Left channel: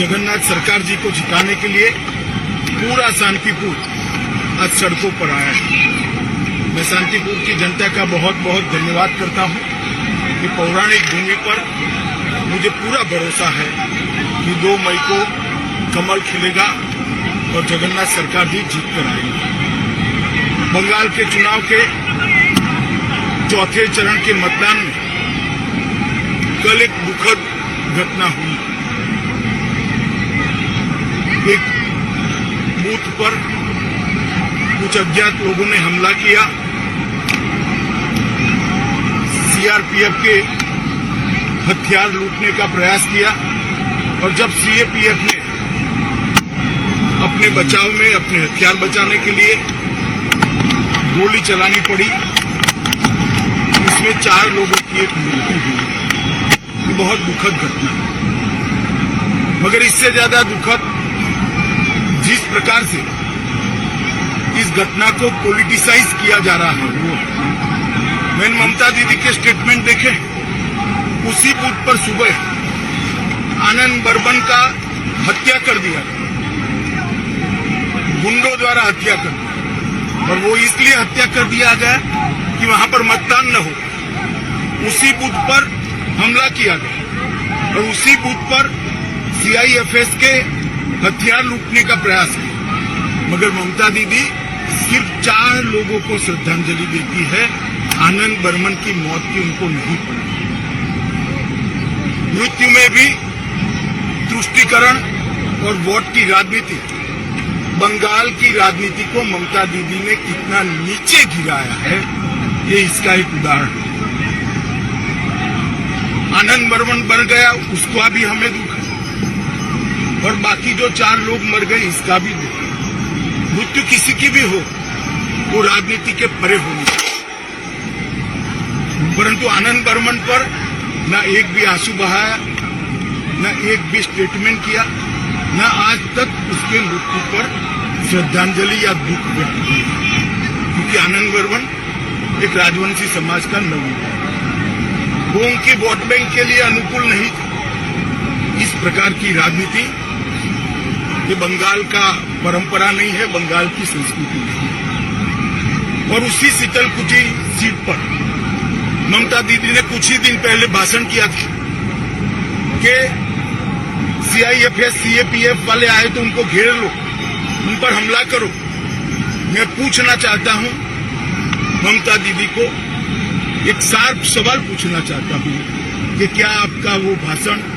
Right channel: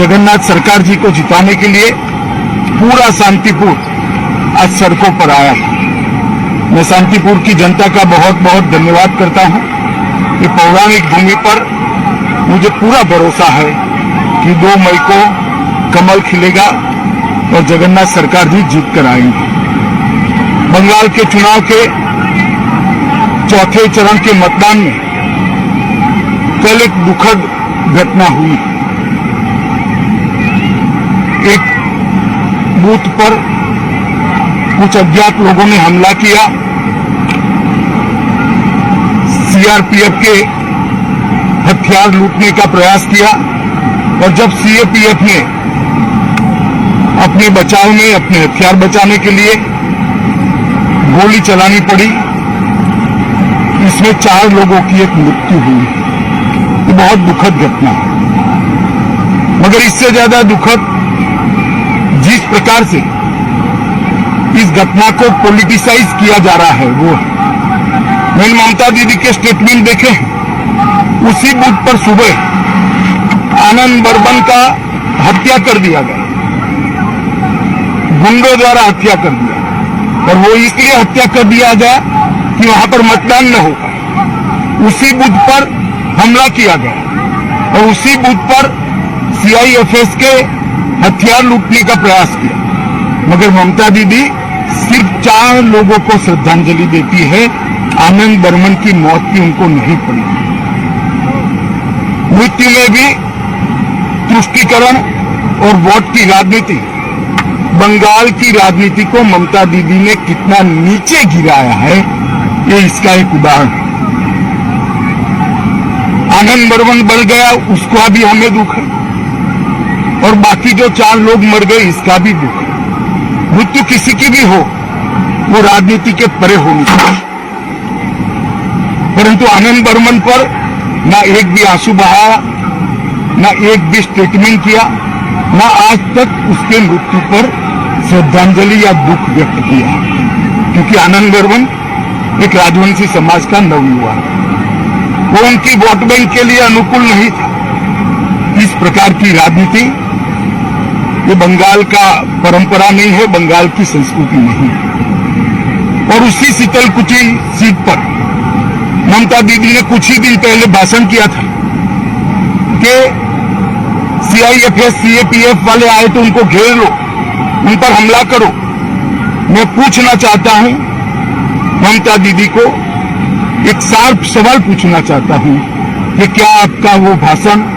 जगन्नाथ सरकार जी को जिताने के लिए पूरा शांतिपुर आज सड़कों पर आया है। मैं शांतिपुर की जनता का बहुत बहुत धन्यवाद करता हूं कि पौराणिक भूमि पर मुझे पूरा भरोसा है कि 2 मई को कमल खिलेगा और जगन्नाथ सरकार जी जीत कर आएंगे। बंगाल के चुनाव के चौथे चरण के मतदान में कल एक दुखद घटना हुई। एक बूथ पर कुछ अज्ञात लोगों ने हमला किया। सीआरपीएफ के हथियार लूटने का प्रयास किया और जब सीआरपीएफ ने अपने बचाव में अपने हथियार बचाने के लिए गोली चलानी पड़ी, इसमें 4 लोगों की एक मृत्यु हुई। तो बहुत दुखद घटना है। मगर इससे ज्यादा दुखद जिस प्रकार से इस घटना को पॉलिटिसाइज किया जा रहा है वो है। मैंने ममता दीदी के स्टेटमेंट देखे, उसी बूथ पर सुबह आनंद बर्मन का हत्या कर दिया गया, गुंडों द्वारा हत्या कर दिया, और वो इसलिए हत्या कर दिया गया कि वहां पर मतदान न होगा। उसी बूथ पर हमला किया गया और उसी बूथ पर सीआईएफएस के हथियार लूटने का प्रयास किया। मगर ममता दीदी सिर्फ 4 लोगों को श्रद्धांजलि देती है, आनंद बर्मन की मौत की उनको नहीं पड़ी। मृत्यु में भी तुष्टीकरण और वोट की राजनीति, बंगाल की राजनीति को ममता दीदी ने कितना नीचे गिराया है, ये इसका एक उदाहरण है। आनंद बर्मन बढ़ गया, उसका भी हमें दुख है, और बाकी जो 4 लोग मर गए इसका भी दुख है। मृत्यु किसी की भी हो, वो राजनीति के परे होनी चाहिए। परंतु आनंद बर्मन पर ना एक भी आंसू बहाया, ना एक भी स्टेटमेंट किया, ना आज तक उसके मृत्यु पर श्रद्धांजलि या दुख व्यक्त किया। क्योंकि आनंद बर्मन एक राजवंशी समाज का नवयुवा है, वो उनकी वोट बैंक के लिए अनुकूल नहीं था। इस प्रकार की राजनीति ये बंगाल का परंपरा नहीं है, बंगाल की संस्कृति नहीं है। और उसी शीतलकुची सीट पर ममता दीदी ने कुछ ही दिन पहले भाषण किया था कि सीआईएफएस सीएपीएफ वाले आए तो उनको घेर लो, उन पर हमला करो। मैं पूछना चाहता हूं ममता दीदी को, एक शार्प सवाल पूछना चाहता हूं कि क्या आपका वो भाषण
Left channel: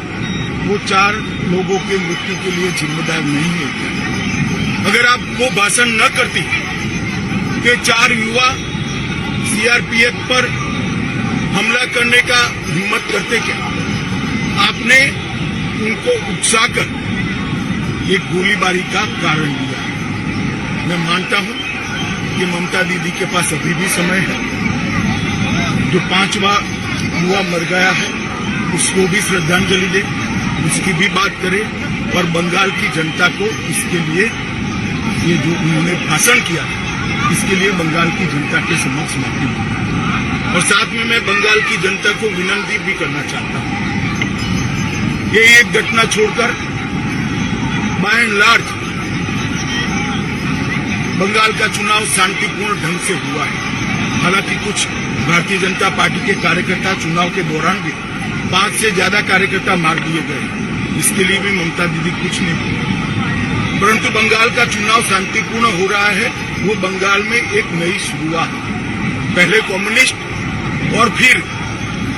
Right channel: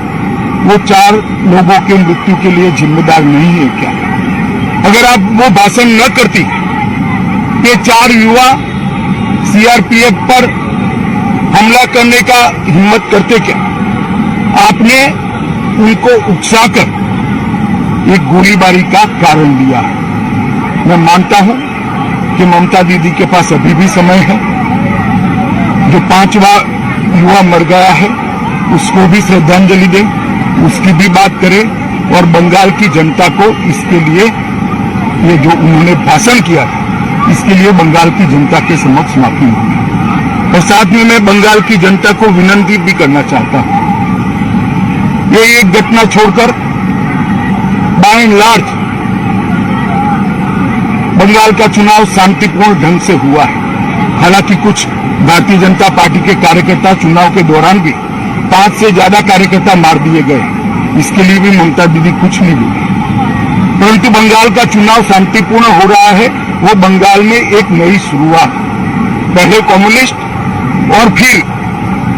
वो 4 लोगों के मृत्यु के लिए जिम्मेदार नहीं है क्या? अगर आप वो भाषण न करती, ये 4 युवा सीआरपीएफ पर हमला करने का हिम्मत करते क्या? आपने उनको उकसाकर एक गोलीबारी का कारण दिया। मैं मानता हूं कि ममता दीदी के पास अभी भी समय है। जो 5वां युवा मर गया है उसको भी श्रद्धांजलि दें, उसकी भी बात करें, और बंगाल की जनता को इसके लिए, ये जो उन्होंने भाषण किया इसके लिए बंगाल की जनता के समक्ष माफी मांगी। और साथ में मैं बंगाल की जनता को विनती भी करना चाहता हूं, ये एक घटना छोड़कर बाय एंड लार्ज बंगाल का चुनाव शांतिपूर्ण ढंग से हुआ है। हालांकि कुछ भारतीय जनता पार्टी के कार्यकर्ता चुनाव के दौरान भी 5 से ज्यादा कार्यकर्ता मार दिए गए, इसके लिए भी ममता दीदी कुछ नहीं बोली। परंतु बंगाल का चुनाव शांतिपूर्ण हो रहा है, वो बंगाल में एक नई शुरुआत। पहले कम्युनिस्ट और फिर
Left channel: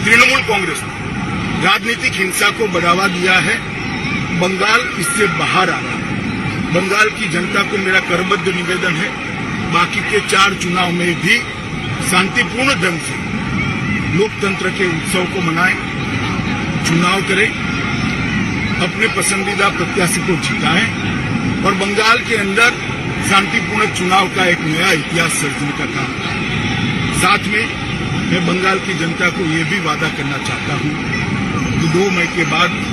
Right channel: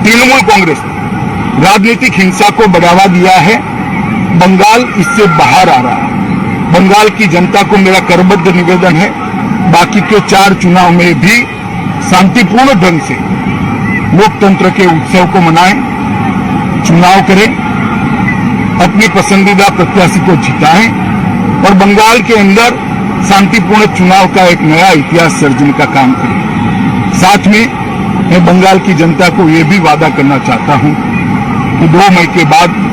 तृणमूल कांग्रेस ने राजनीतिक हिंसा को बढ़ावा दिया है। बंगाल इससे बाहर आ रहा है। बंगाल की जनता को मेरा करबद्ध निवेदन है, बाकी के 4 चुनाव में भी शांतिपूर्ण ढंग से लोकतंत्र के उत्सव को मनाएं, चुनाव करें, अपने पसंदीदा प्रत्याशी को जिताएं और बंगाल के अंदर शांतिपूर्ण चुनाव का एक नया इतिहास सर्जने का काम करें। साथ में मैं बंगाल की जनता को ये भी वादा करना चाहता हूं कि 2 मई के बाद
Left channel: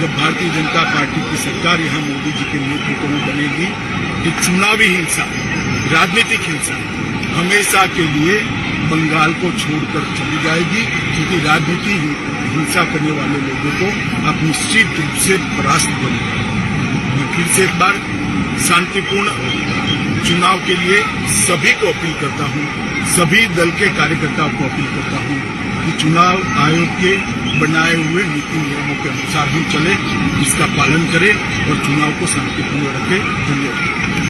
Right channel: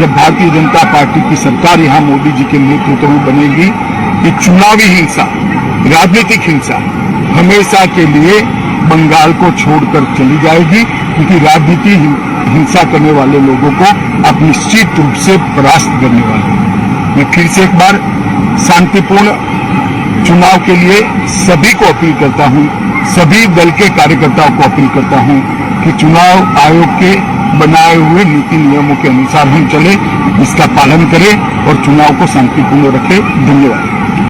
जब भारतीय जनता पार्टी की सरकार यहां मोदी जी के नेतृत्व में बनेगी, ये चुनावी हिंसा, राजनीतिक हिंसा हमेशा के लिए बंगाल को छोड़कर चली जाएगी क्योंकि राजनीति हिंसा करने वाले लोगों को आप निश्चित रूप से परास्त करने वाले हैं। मैं फिर से एक बार शांतिपूर्ण चुनाव के लिए सभी को अपील करता हूं, सभी दल के कार्यकर्ताओं को अपील करता हूं कि चुनाव आयोग के बनाए हुए नीति नियमों के अनुसार हम चले, इसका पालन करें और चुनाव को शांतिपूर्ण रखें। धन्यवाद।